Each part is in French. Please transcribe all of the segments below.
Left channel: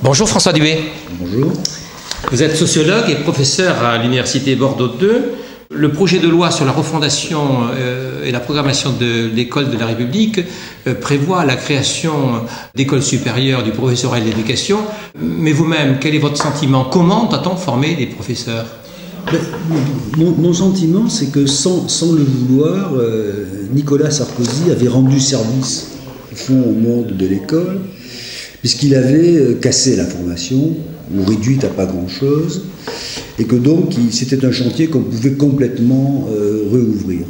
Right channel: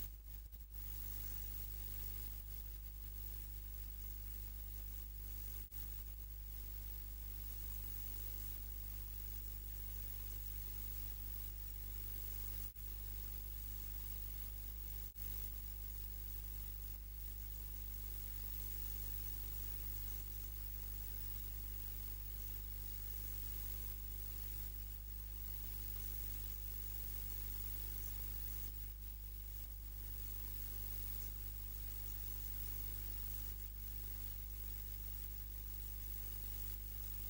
Bonjour François Dubé. Bonjour. Vous êtes sociologue et professeur à l'Université Bordeaux II. Le projet de loi sur la refondation et la programmation de l'école de la République prévoit la création d'écoles supérieures du professorat et de l'éducation. Mais vous-même, quel est votre sentiment? Comment doit-on former les professeurs? Mon sentiment, c'est que sans le vouloir, Nicolas Sarkozy avait rendu service au fond au monde de l'école, puisqu'il avait cassé la formation, ou réduite à pas grand-chose, et que donc c'était un chantier qu'on pouvait complètement réouvrir.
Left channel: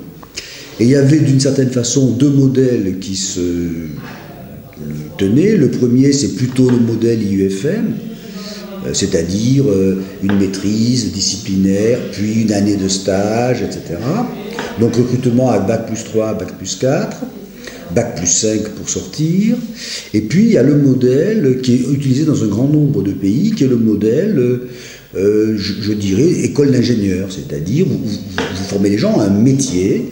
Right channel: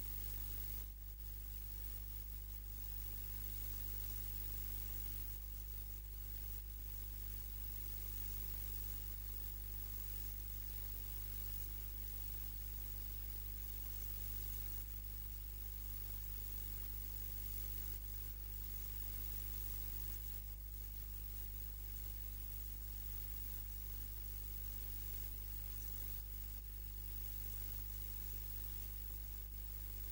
Et il y avait d'une certaine façon deux modèles qui se tenaient. Le premier, c'est plutôt le modèle IUFM, c'est-à-dire une maîtrise disciplinaire, puis une année de stage, etc. Donc recrutement à Bac plus 3, Bac plus 4, Bac plus 5 pour sortir. Et puis il y a le modèle qui est utilisé dans un grand nombre de pays, qui est le modèle, je dirais, école d'ingénieur, c'est-à-dire vous formez les gens à un métier,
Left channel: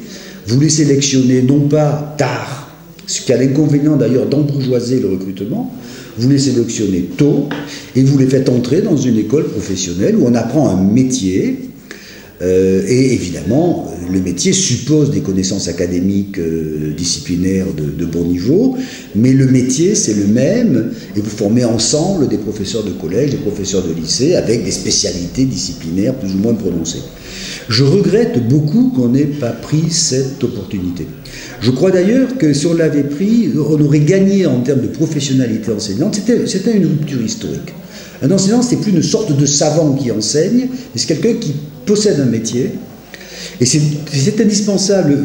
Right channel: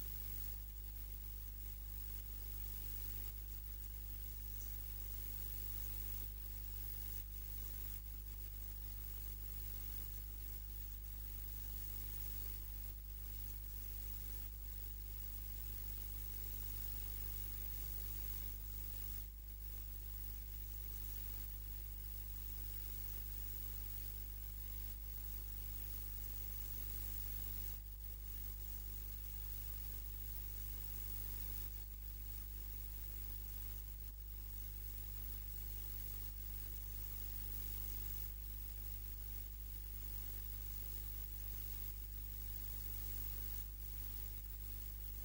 vous les sélectionnez non pas tard, ce qui a l'inconvénient d'ailleurs d'embourgeoiser le recrutement, vous les sélectionnez tôt et vous les faites entrer dans une école professionnelle où on apprend un métier. Et évidemment, le métier suppose des connaissances académiques, disciplinaires de bon niveau, mais le métier c'est le même, et vous formez ensemble des professeurs de collège, des professeurs de lycée, avec des spécialités disciplinaires plus ou moins prononcées. Je regrette beaucoup qu'on n'ait pas pris cette opportunité. Je crois d'ailleurs que si on l'avait pris, on aurait gagné en termes de professionnalité enseignante. C'était une rupture historique. Un enseignant, c'est plus une sorte de savant qui enseigne, mais c'est quelqu'un qui possède un métier. Et c'est indispensable,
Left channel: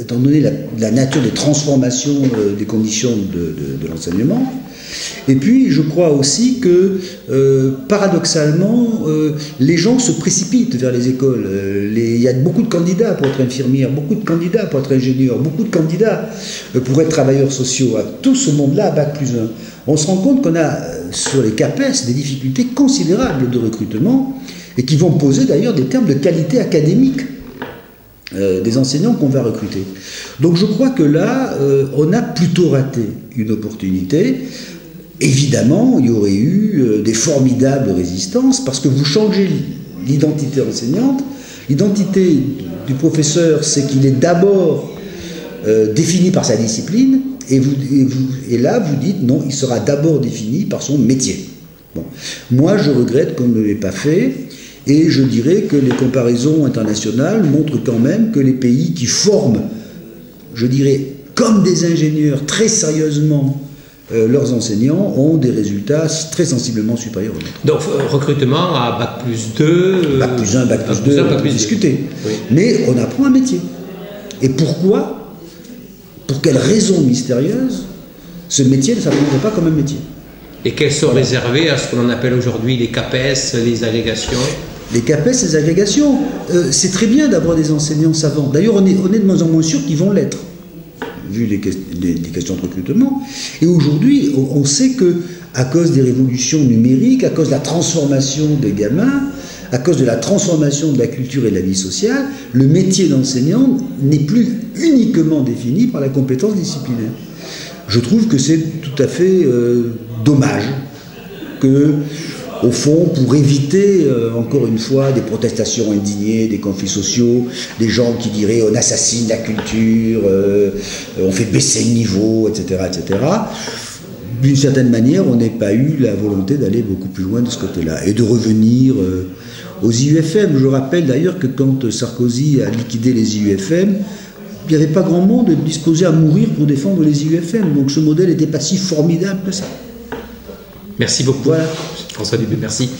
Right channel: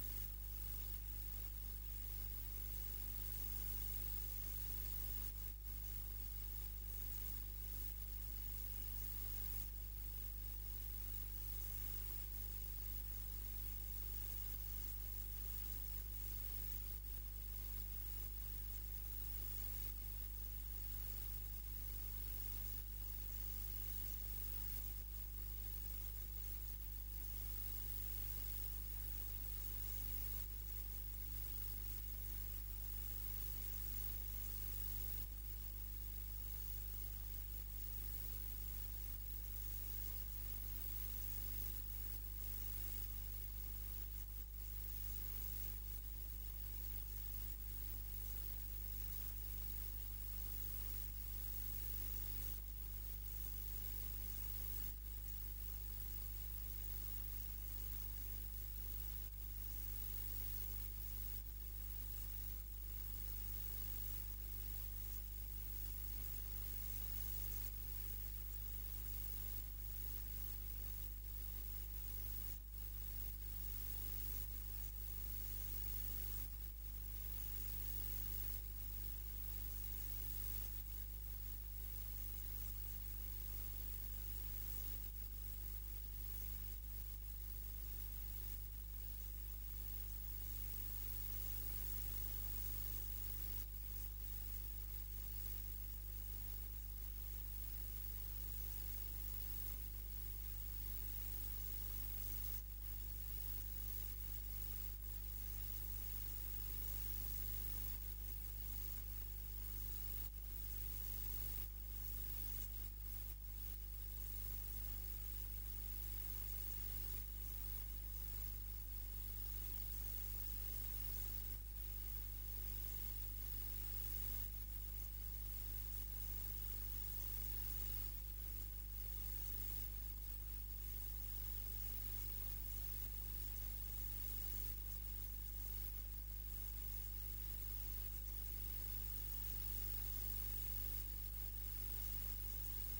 étant donné la nature des transformations des conditions de l'enseignement. Et puis, je crois aussi que, paradoxalement, les gens se précipitent vers les écoles. Il y a beaucoup de candidats pour être infirmière, beaucoup de candidats pour être ingénieur, beaucoup de candidats pour être travailleurs sociaux. À tout ce monde-là, à Bac plus 1. On se rend compte qu'on a, sur les CAPES, des difficultés considérables de recrutement et qui vont poser d'ailleurs des termes de qualité académique des enseignants qu'on va recruter. Donc je crois que là, on a plutôt raté une opportunité. Évidemment, il y aurait eu des formidables résistances parce que vous changez l'identité enseignante. L'identité du professeur, c'est qu'il est d'abord défini par sa discipline et là, vous dites non, il sera d'abord défini par son métier. Bon. Moi, je regrette qu'on ne l'ait pas fait. Et je dirais que les comparaisons internationales montrent quand même que les pays qui forment, je dirais, comme des ingénieurs très sérieusement leurs enseignants ont des résultats très sensiblement supérieurs aux nôtres. Donc recrutement à Bac plus 2... Bac plus 1, Bac plus 2, on peut discuter. Oui. Mais on apprend un métier. Et pourquoi, pour quelle raison mystérieuse, ce métier ne s'apprendrait pas comme un métier? Et qu'elles sont réservées à ce que l'on appelle aujourd'hui les CAPES, les agrégations? Les CAPES, les agrégations, c'est très bien d'avoir des enseignants savants. D'ailleurs, on est de moins en moins sûr qu'ils vont l'être, vu les questions de recrutement. Et aujourd'hui, on sait qu'à cause des révolutions numériques, à cause de la transformation des gamins, à cause de la transformation de la culture et de la vie sociale, le métier d'enseignant n'est plus uniquement défini par la compétence disciplinaire. Je trouve que c'est tout à fait dommage que, au fond, pour éviter, encore une fois, des protestations indignées, des conflits sociaux, des gens qui diraient on assassine la culture, on fait baisser le niveau, etc., etc., d'une certaine manière, on n'ait pas eu la volonté d'aller beaucoup plus loin de ce côté-là et de revenir aux IUFM. Je rappelle d'ailleurs que quand Sarkozy a liquidé les IUFM, il n'y avait pas grand monde disposé à mourir pour défendre les IUFM. Donc ce modèle n'était pas si formidable que ça. Merci beaucoup, voilà. François Dubé, merci.